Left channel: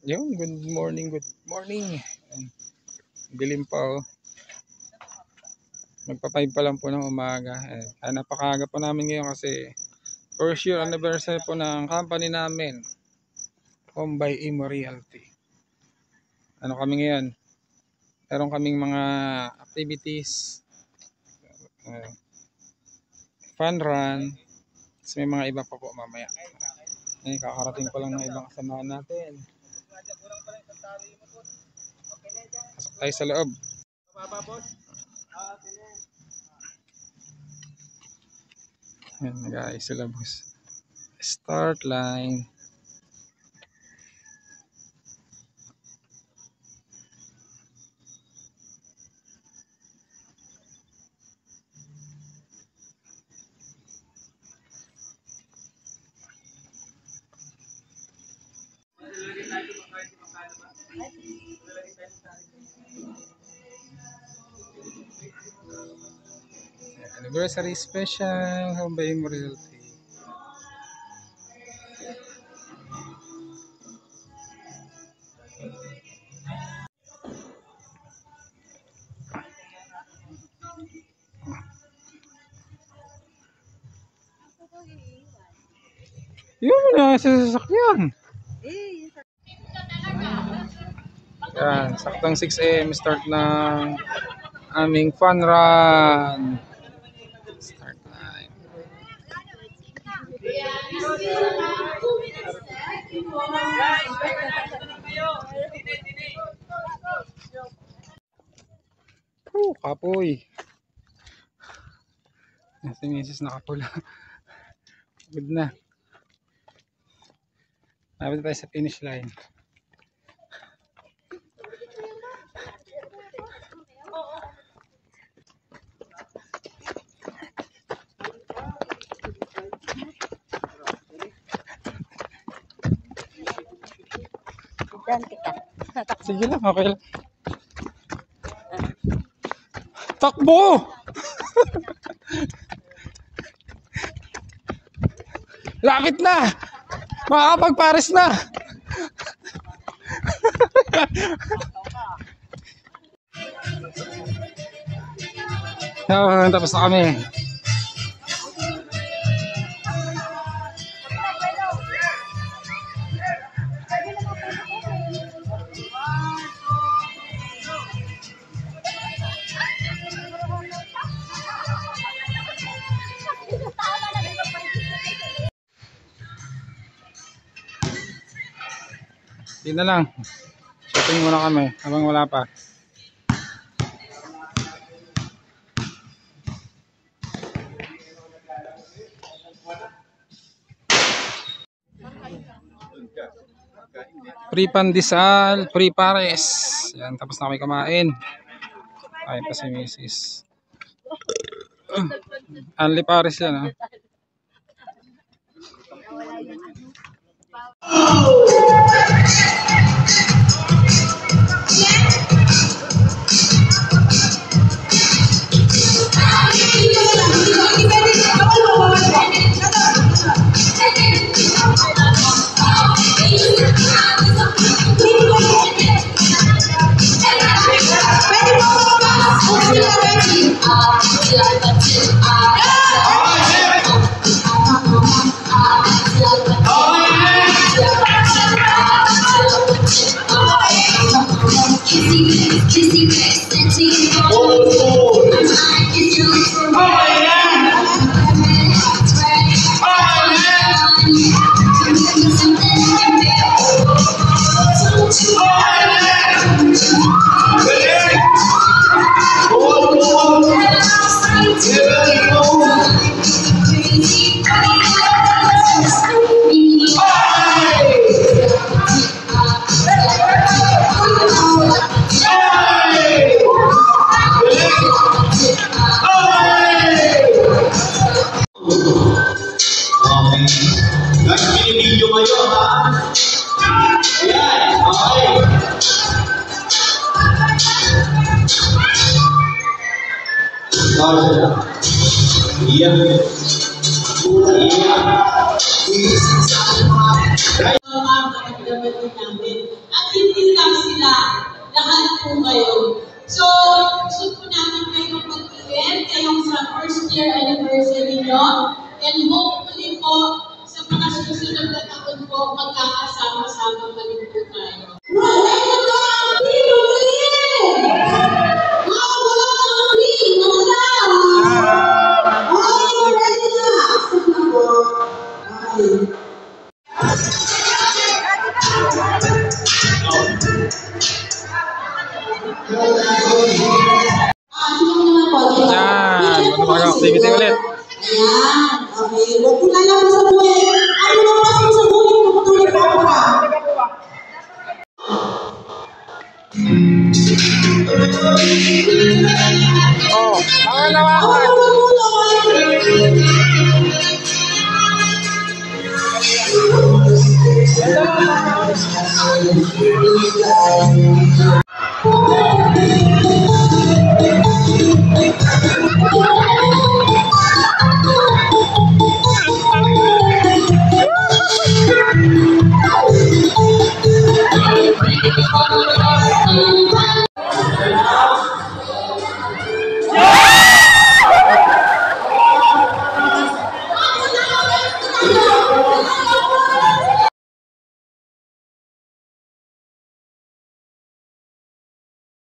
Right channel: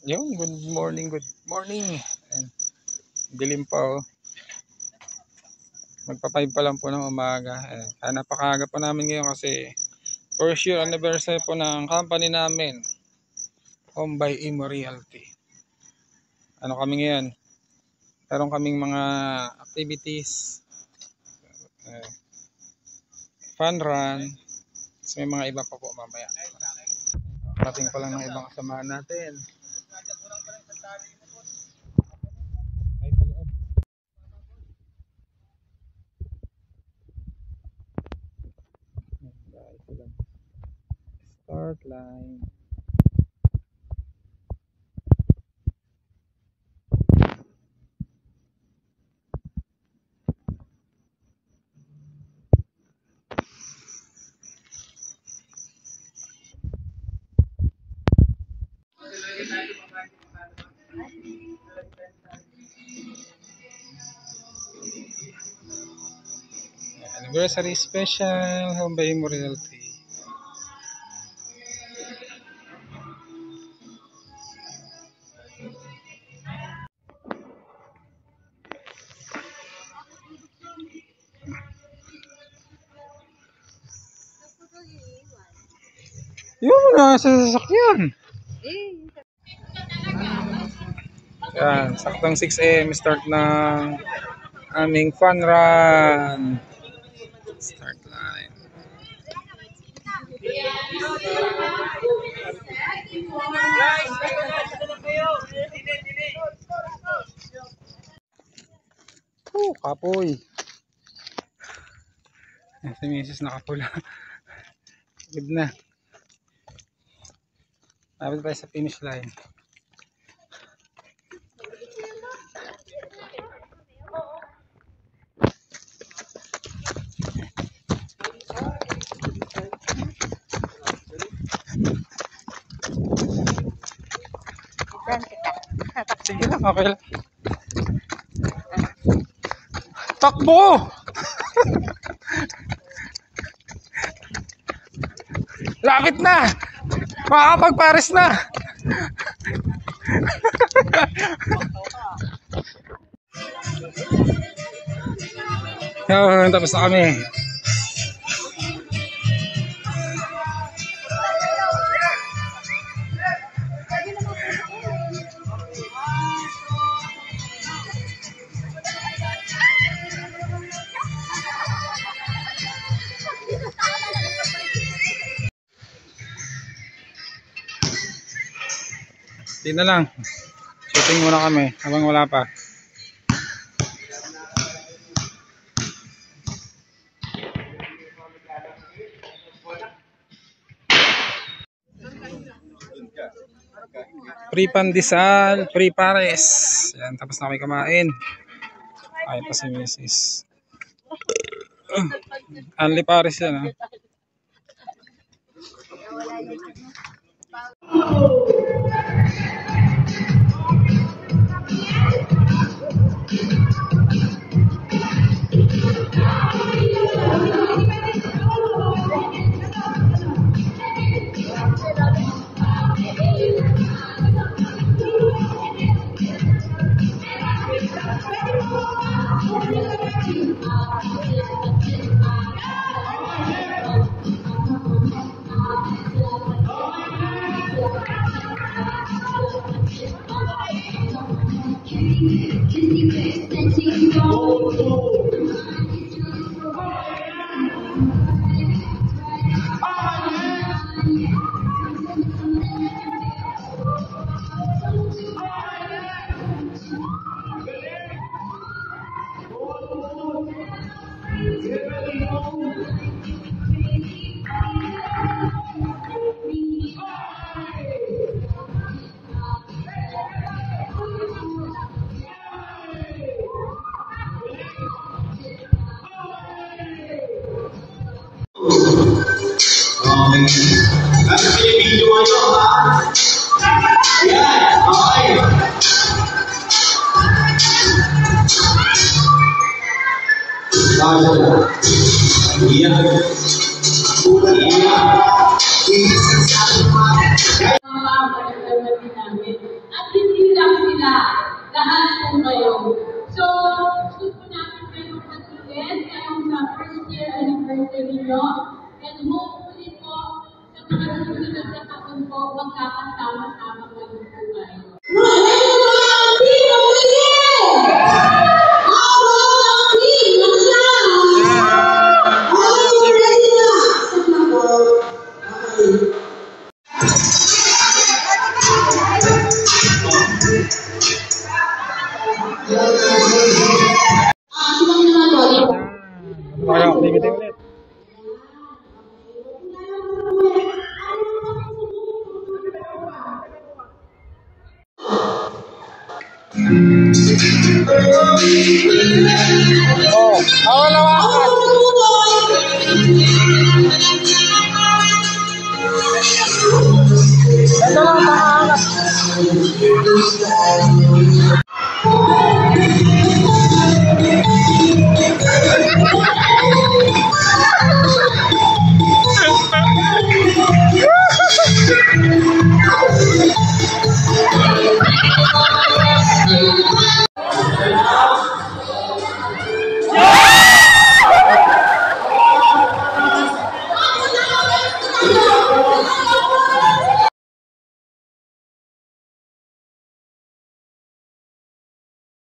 Yun, good morning, good morning. And dilim pa oh. Magpa-5 pa lang po ng umaga. Napakaaga pa namin ngayon kasi first year anniversary po ng company namin, Home by Imo Realty. Ano kami ngayon? Meron kaming mga activities, fun run, may mga iba pa po mamaya. Kakarating pa lang ng ibang kasamahan natin. Tayo sa loob. Ayan guys, sila boss. Start line. Anniversary special, Home by Imo Realty. Yun na sa sasakyan. Yan, saktong 6 AM start ng aming fun run. Start line. Kapoy. Si Mrs. nakapula. Good na. Lapit tayo sa finish line. Sige lang, okay lang. Takbo! Lapit na! Makakapag-Paris na! Tapos na kami. Hindi na lang. Shooting muna kami habang wala pa. Free pandesal, free pares. Yan, tapos na kami kumain. Ay pa si Mrs. Only pares yan ha. hindi lang sila. Lahat po kayo. So, gusto po namin kayong pag-iin, kayong sa first year anniversary nyo. And hopefully po, sa mga susunod na taon po, magkakasama-sama pa rin po tayo. Activity ulit. Ayan. Okay. Huwag ko na lang sa buhay. Ano na pas mo sa buhay? Puputulin pa ako ka. Oh, awal lawakan. Ito lang, pangalan.